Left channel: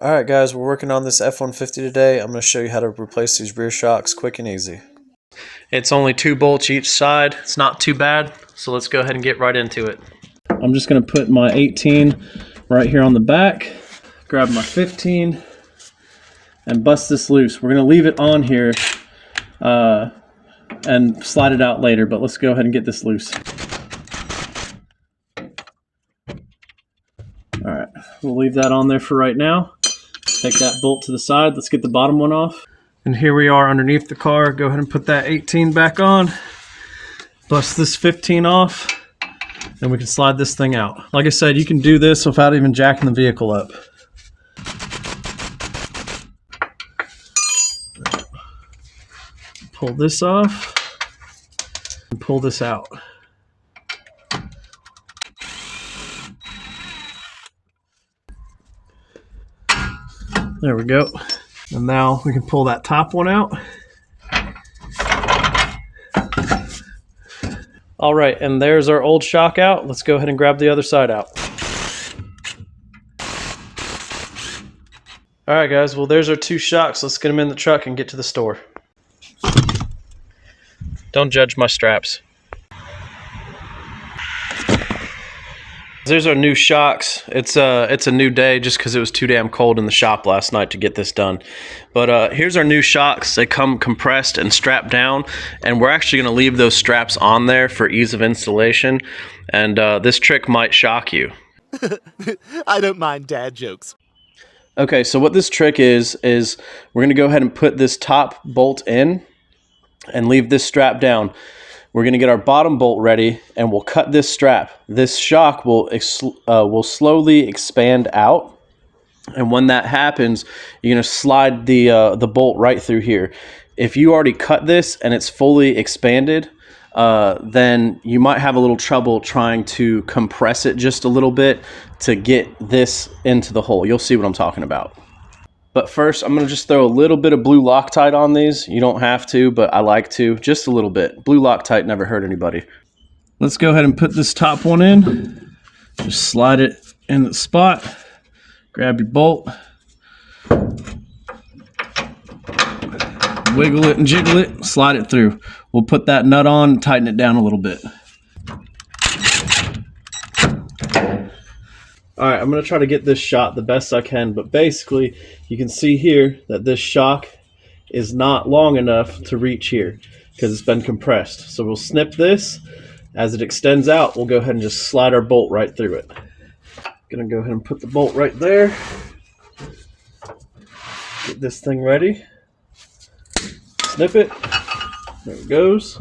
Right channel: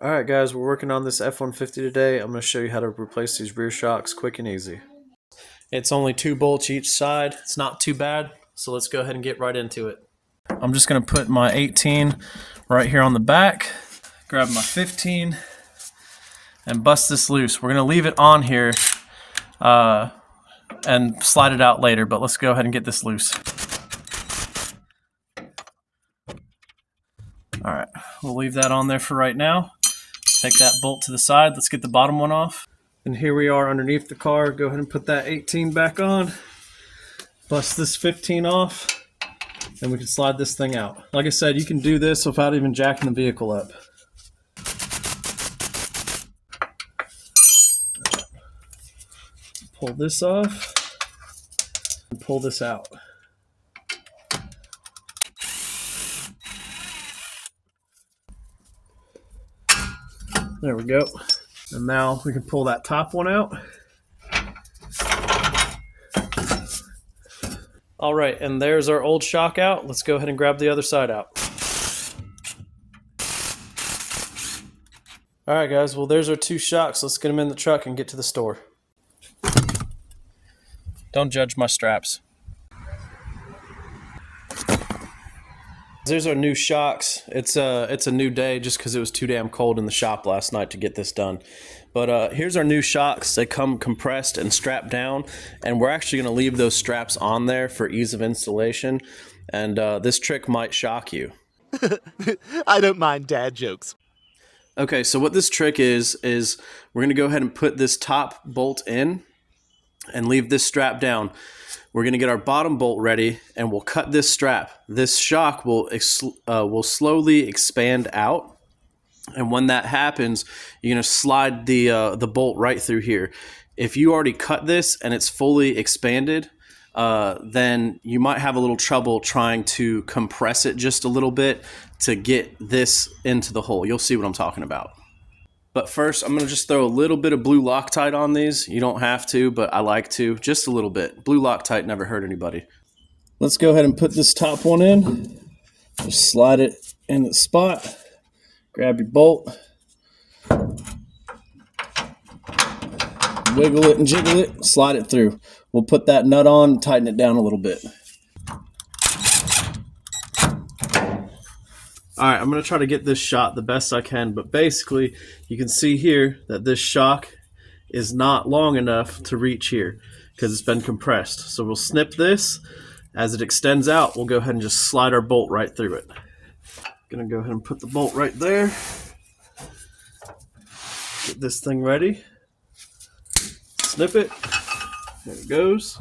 Alright guys, we're working on this F-150 today. I'm going to show you how to replace these rear shocks quick and easy. It's only 2 bolts each side. It's not too bad, so let's go ahead and get right into it. I'm just going to put my 18 right here on the back, grab my 15, and bust this loose. We're going to leave it on here and slide it out later, but let's go ahead and get this loose. Alright, we'll leave that on there for right now. Take that bolt to the side. Let's get the bottom one off. And here we are underneath the car. Go ahead and put that 18 back on. Bust this 15 off. And we can slide this thing out. Like I said, you can do this without even jacking the vehicle up. Pull this off. And pull this out. There we go. And now we can pull that top one out. All right, and there's our old shock out. Let's go ahead and grab the other side out. All right, guys, well, there's our 2 shocks. Let's get them in the truck and get to the store. Don't judge my straps. There's our new shocks. It's a new day just because it was too damn cold in the shop last night to get this done. But here's our new shocks. They come compressed and strapped down, and we're actually going to leave those straps on there for ease of installation. And this trick might shock you. I don't mind dad jokes. Okay, so what this trick is we're going to go ahead and put this top bolt in and leave this strap down. We're going to get our bottom bolt ready, and we'll cut this strap. This shock will slowly expand out, and when that happens, you're going to slide the bolt right through here. If you already cut this and it's fully expanded, then you might have a little trouble trying to compress it just a little bit to get this into the hole. You'll see what I'm talking about. But first, I'm going to just throw a little bit of blue Loctite on these. You don't have to, but I like to. Just a little bit. Blue Loctite never hurt anybody. Let's go ahead and put this top one in. Just slide it in the spot. Grab your bolt. Wiggle it and jiggle it. Slide it through. We'll put that nut on and tighten it down a little bit. All right, I'm going to try to get this shot the best I can, but basically you can see here that this shock is not long enough to reach here because it's been compressed. So we'll snip this. As it extends out, we'll go ahead and just slide our bolt right through it. Going to go ahead and put the bolt right there. Get this thing ready. Snip it. There it goes.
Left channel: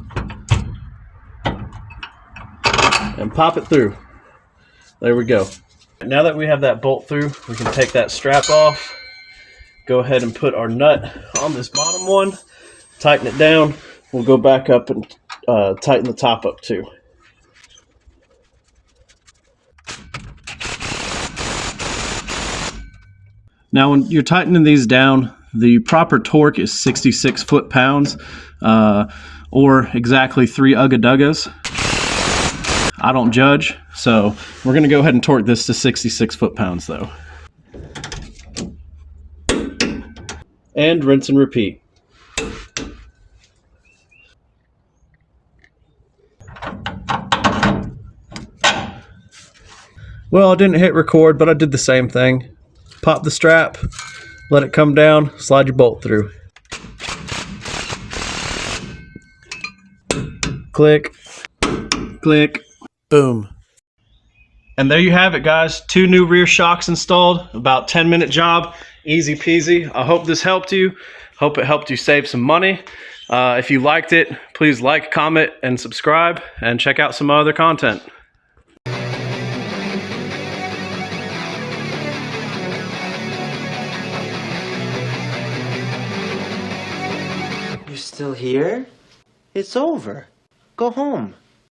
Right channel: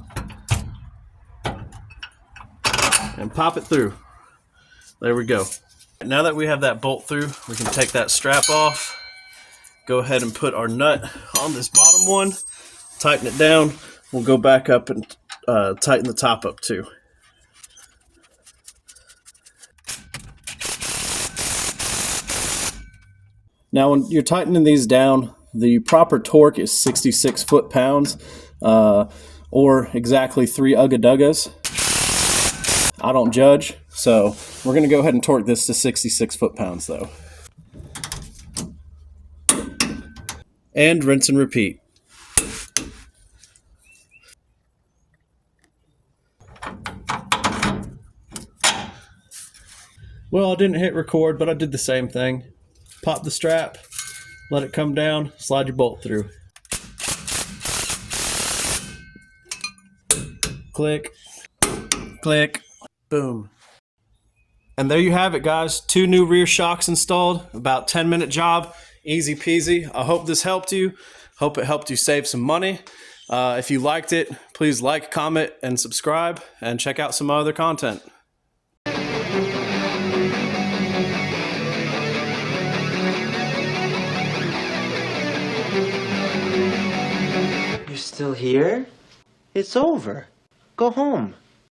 And pop it through. There we go. Now that we have that bolt through, we can take that strap off, go ahead and put our nut on this bottom one, tighten it down. We'll go back up and tighten the top up too. Now when you're tightening these down, the proper torque is 66 foot-pounds or exactly 3 Ugga-Duggas. I don't judge, so we're going to go ahead and torque this to 66 foot-pounds though. And rinse and repeat. Well, I didn't hit record, but I did the same thing. Pop the strap, let it come down, slide your bolt through. Click, click. Boom. And there you have it, guys. 2 new rear shocks installed. About 10-minute job. Easy peasy. I hope this helped you. Hope it helped you save some money. If you liked it, please like, comment, and subscribe. And check out some other content. You're still here? It's over. Go home.